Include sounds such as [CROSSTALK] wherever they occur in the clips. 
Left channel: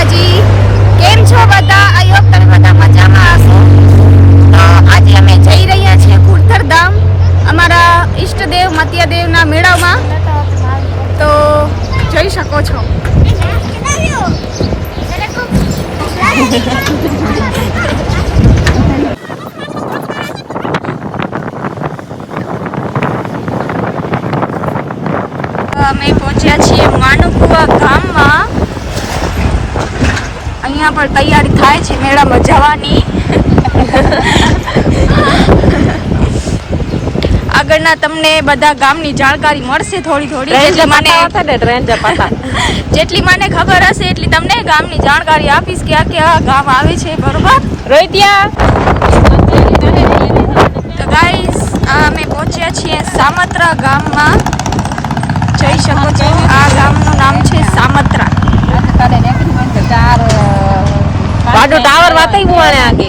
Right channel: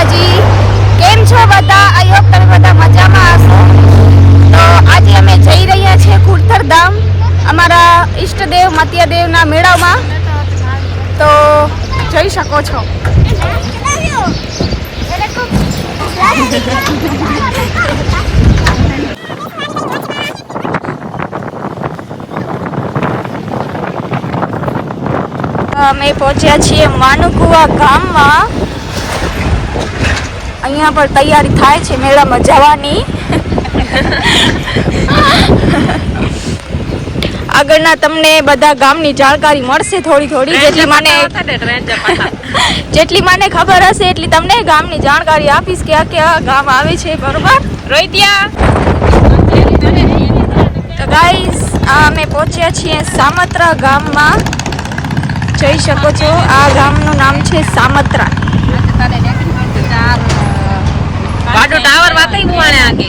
માતાજી કેમ છો બધા? આઈ હોપ તમે બધા મજામાં હશો. તો આજે અમે જઈ રહ્યા છીએ કુર્થર ધામ અમારા ઈષ્ટદેવ મતિયાદેવના મેળામાં. તો જઈ શકો છો. અમે પહોંચ્યા છીએ માનુકુવા ગામમાં. અહીંયા પણ તૈયારી થાય છે મેળામાં જવાની. આગળના તમને બધા ગામની જાણકારી મળશે થોડી થોડી. જેટલી મને [LAUGHS] જેટલી મને ખબર હશે એટલી તમને ગામની જાણકારી આપીશ કે આ કયા ગામ આવે છે બરોબર? તો ગાઈસ અમે પહોંચ્યા છીએ સામત્રા ગામમાં. જઈ શકો છો આ ગામનું નામ છે સામત્રા. બાજુ ટાવર વાતઈ મુવાને આગે.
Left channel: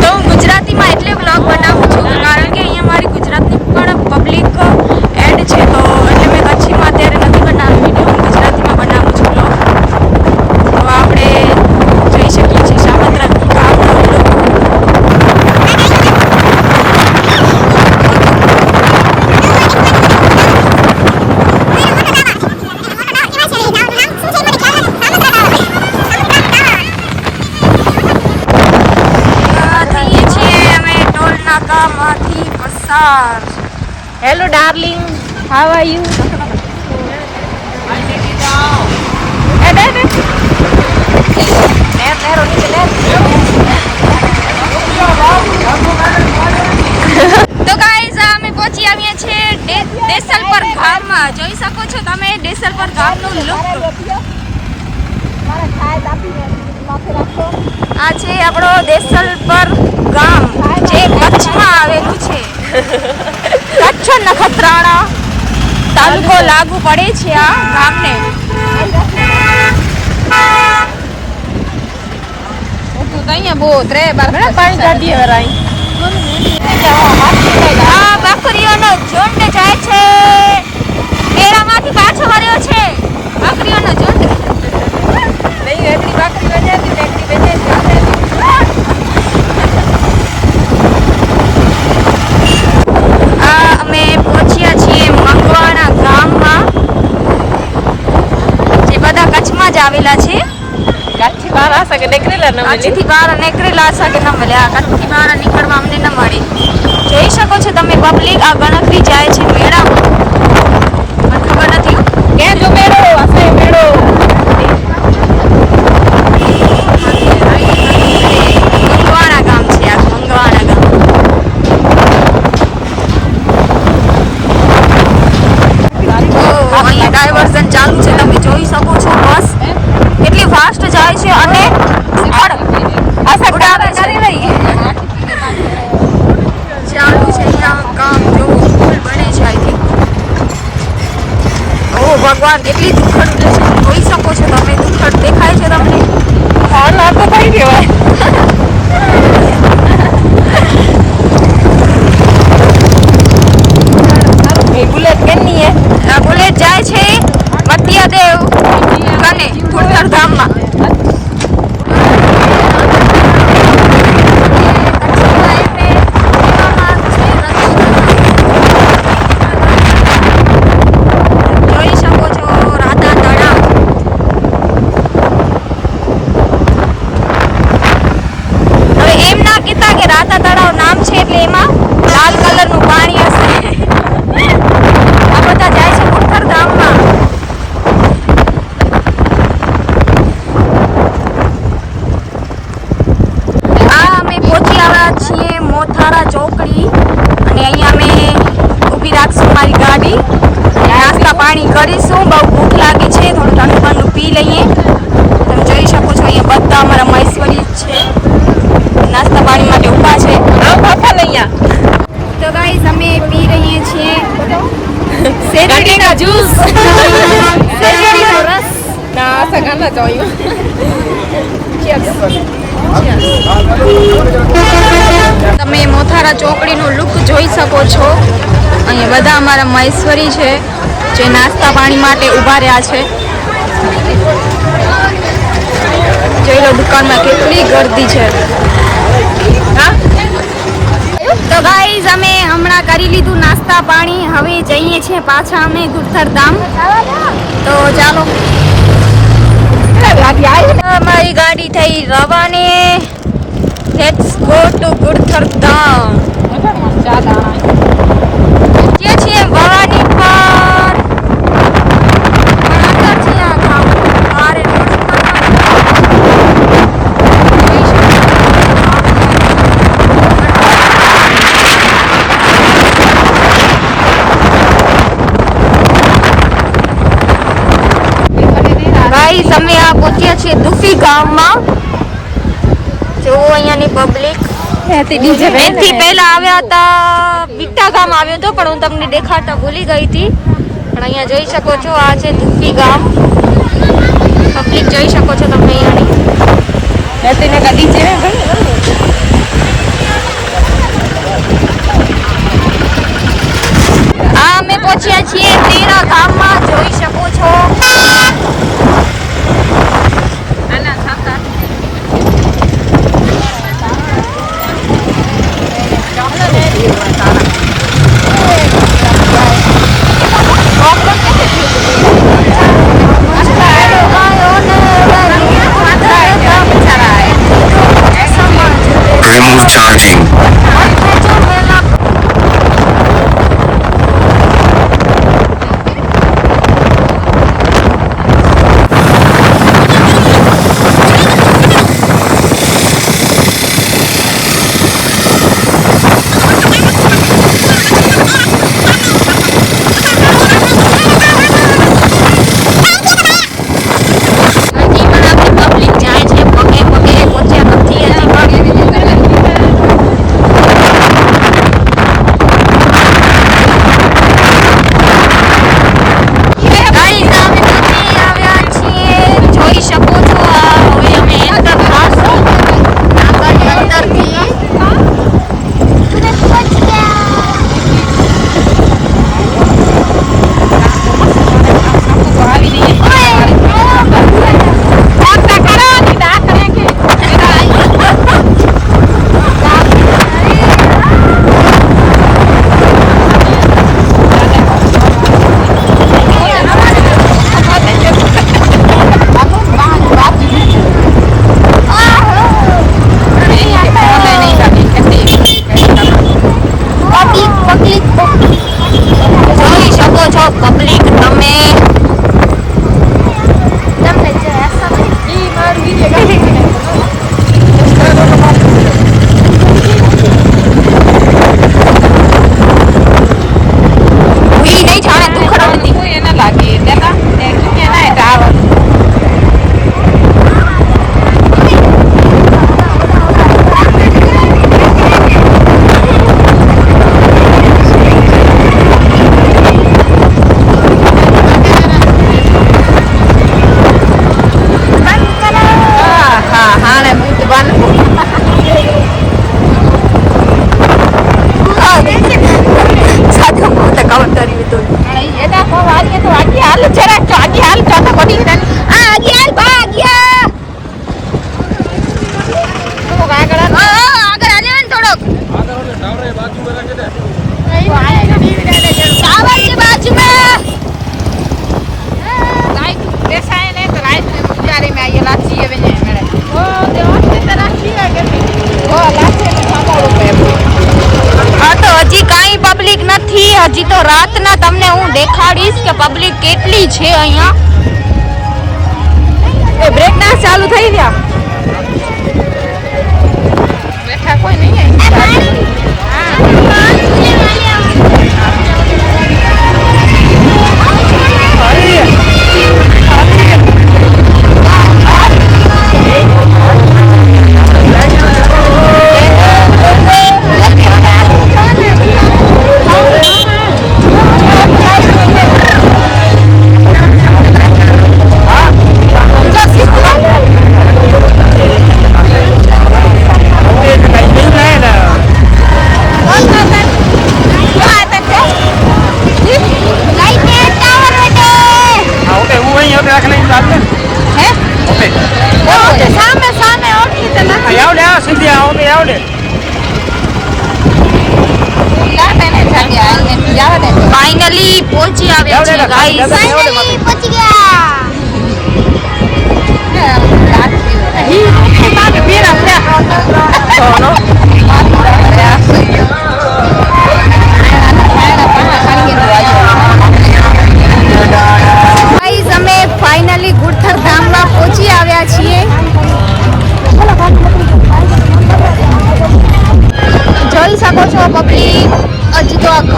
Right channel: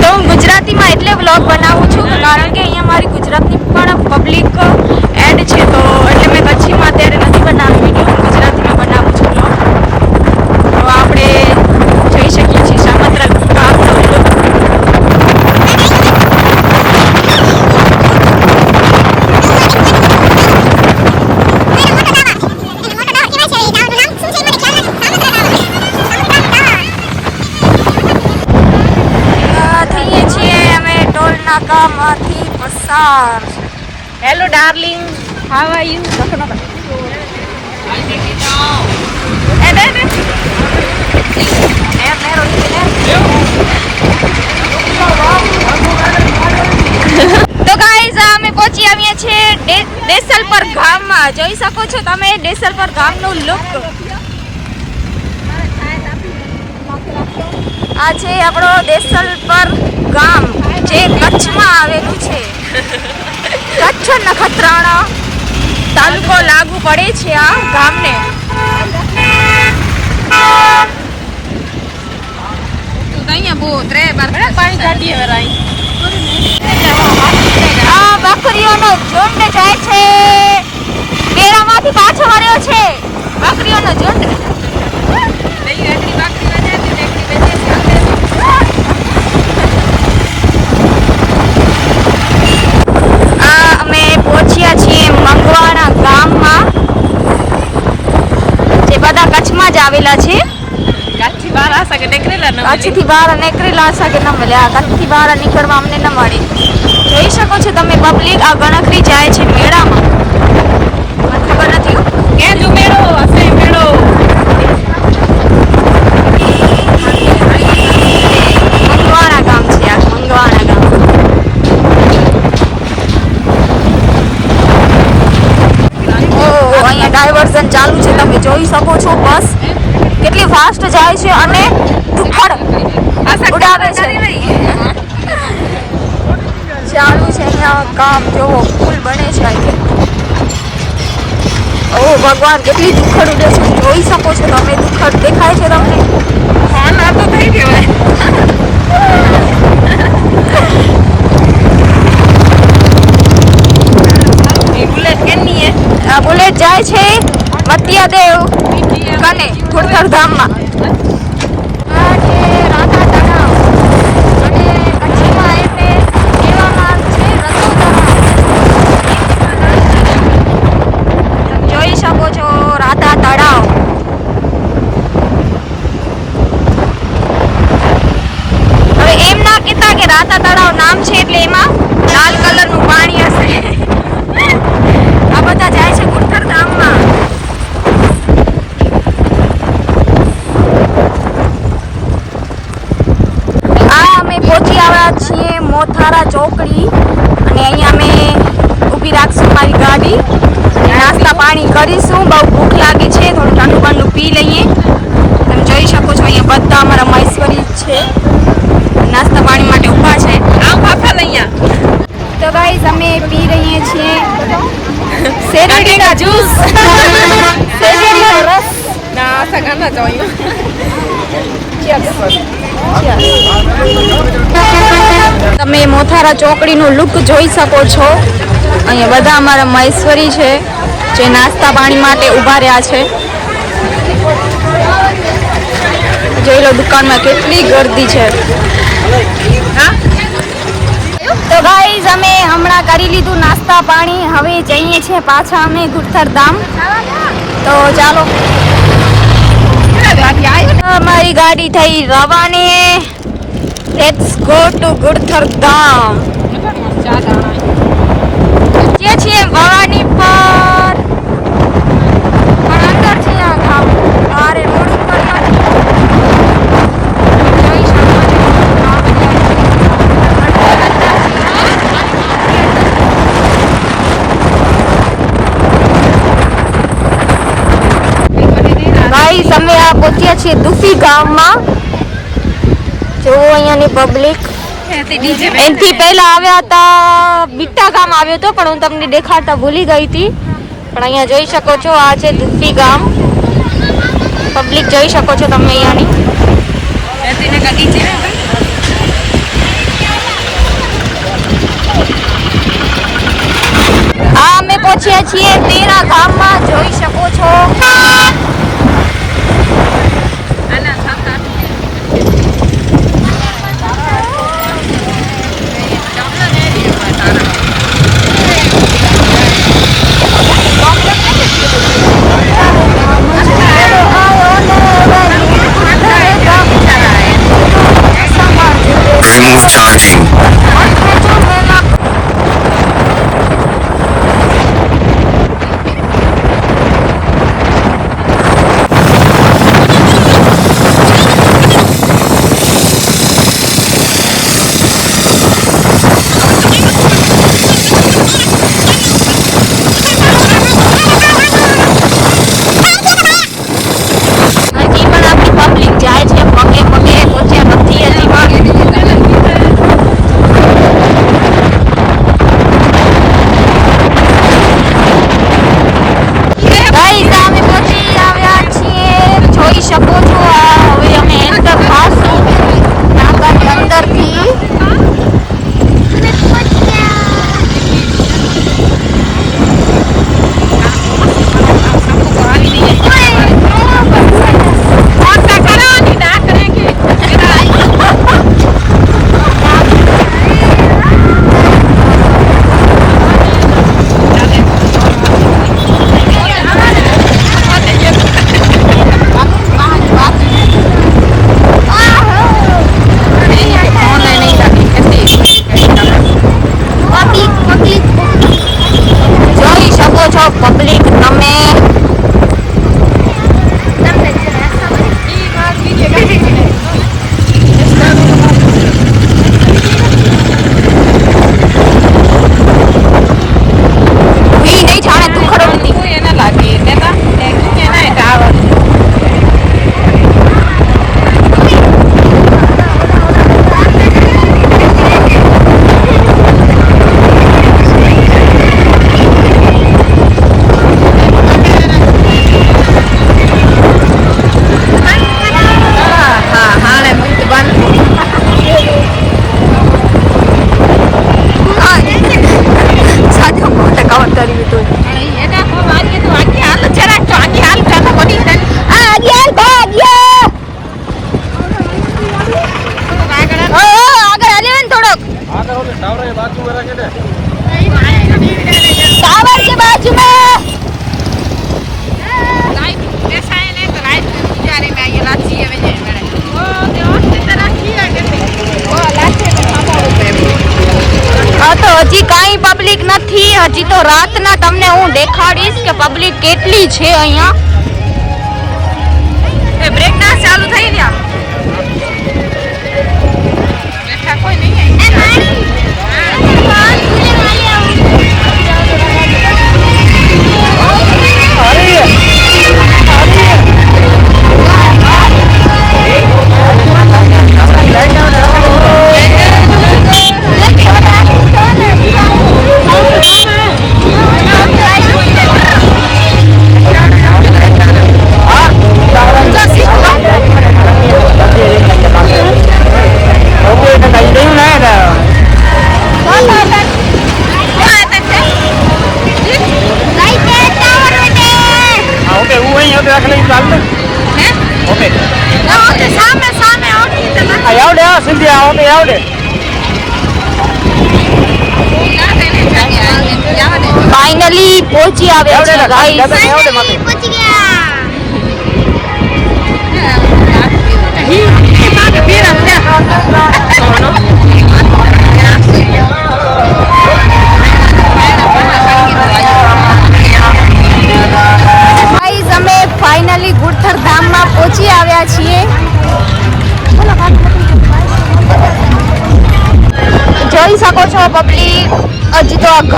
તો હું ગુજરાતીમાં એટલે વ્લોગ બનાવું છું, કારણ કે અહીંયા મારી ગુજરાતની પણ પબ્લિક એડ છે તો એટલે મેં કચ્છીમાં અત્યારે નથી બનાવ્યો વીડિયો હું ગુજરાતીમાં બનાવું છું વ્લોગ તો આપણે જઈ શકીએ છીએ સામત્રા ગામનો vlog. આ થઈએ છીએ અમે ટોલ નાકામાંથી પસાર. Hello darling how are you એ દે દે નેર નેર ઓની નેર તો ગાઈઝ અમે પહોંચી આવ્યા છીએ ડે- દેસલપર ગામમાં. જોઈ શકો છો તમે દેસલપર ગામનું લુક આ છે આપણો દેસલપર ગામ. જે કચ્છમાં આવેલું છે. કચ્છ નખત્રાણા તાલુકો લાગુ પડે છે આ ગામને. આ બકરીઓનો ઝુંડ જાય છે. મેળામાંથી પાછો વર્યો છે. બકરીઓનો ઝુંડ. નહીં એટલી બાકી તો નથી ને એટલી બેઠી છે આ અમે પહોંચ્યા છીએ મંગવાણા ગામમાં જે બધા કચ્છમાં જ આવેલા છે? કાચી બહાર નીકળેલા હશે કે ન મળ્યા કચ્છથી બહાર નીકળવા અમને ન મળે. જોઈ શકો છો તમે પબ્લિક આ ગણતરી જાય છે મેળામાં. મને ખબર નથી. કે જો મેળો હશે મેળો. મંગવાણા ગામ છે આ મંગવાણા ગામ. અહીંયા ડાયવર્ઝન ચાલુ છે તમે જોઈ શકો છો. કેટલી ફાસ્ટ જાય છે અને ધુક્કડ ઉડાવે છે. ચાલુ છે અહીંયા કામ. જોવો પુલ બને છે આઈ થિંક ઓ ભગવાન કેટલી ધુક્કડ ઉડે છે. જોઈ શકો છો તમે ધુક્કડ દેખાય છે તમને. ફોન આ તો કઈ કહેવાય બુલેટ કેની હે? આ બુલેટ જાય છે મત્યાદેવ. કને ખુડથર ધામમાં. જોઈ શકો છો, રાધા તળાવ. હવે એમ ના કે રાધા તળાવ નામ છે એટલે એમાં લાલ કલરનું પાણી હશે. [LAUGHS] આ બધા જાય છે ખુડથર ગામમાં આ અમે પહોંચી આવ્યા છીએ મોથારા ચોકડી અને અહીંયા અમે ઊભી રાખશું મારી ગાડી અને નાસ્તા પાણી કરીશું બહુ ભૂખ લાગી છે થોડું ઠંડુ ઠંડુ પી લઈએ તમે જોઈ શકો છો અહીંયા બધા અમારા મહેશ્વરી જ છે નાસ્તા પાણી માટે ઊભા છે. તો ગાઈઝ અમે પી રહીએ છીએ શેરડીનો જ્યુસ [LAUGHS] શેરડીનો રસ. ના સગાના જોયું તમે મોથારા ચોકડીનું લુક જોઈ શકો છો. અહીંયા બધા અમારા મહેશ્વરી છે જે નાસ્તા પાણી માટે ઊભા રહ્યા છે. જોઈ લો દુકાનમાં કેટલી ગર્દી છે. તો ગાઈઝ અમે હમણાં કરી લીધું નાસ્તા પાણી. હવે જઈએ છીએ પાછા અમે ગુરથર ધામ તો ચાલો. અમારી ગાડી થઈ રવાની. Let's go to Gurthar Dham જે છીએ ભવાની પર પણ અંદર છે આ ગામ આરે રોડ ઉપર તો જોઈ શકો છો ગામ ગાઈસ પહોંચ્યા છીએ દુફી ગામમાં. જો અહીંયાની પબ્લિક એનથી પહેલા આવ્યા હતા બીટા ગામ આવ્યો હતો પણ હું તમને દેખાડતા ભૂલી ગઈ હતી. પણ અહીંયા જોઈ શકો છો આ છે દુફી ગામ. પબ્લિક જોઈ શકો છો તમે અહીંયાની. તેને આ અમે પહોંચ્યા છીએ તેરા ગામમાં જોઈ શકો છો. તો હજી કાંઈ પબ્લિક નથી. હજી તો રાતના તમને હું દેખાડીશ કે પબ્લિક કેટલી છે અહીંયા. એ બ્રેક ડાન્સ ચાલુ થઈ ગયા. નહીં હોતે રાખે લઈને ચાલ ને. હે? ઓકે. ઓકે સામે સામે ઓટલી તો ના આવડે આ સીધી આ ઓટલી આવડે. ફાઇનલી પહોંચી આવ્યા છે ગાઈસ ફાઇનલી પહોંચી ગયા.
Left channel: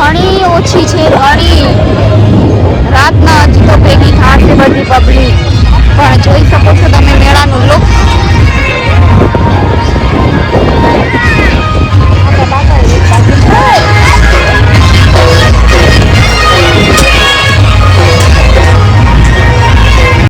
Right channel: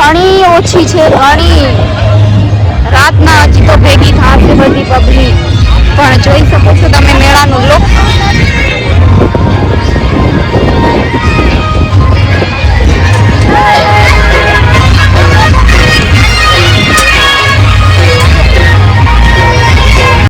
ઘણી ઓછી છે, ઘણી. રાતના હજી તો ભેગી થશે બધી પબ્લિક પણ જોઈ શકો છો તમે મેળાનું લુક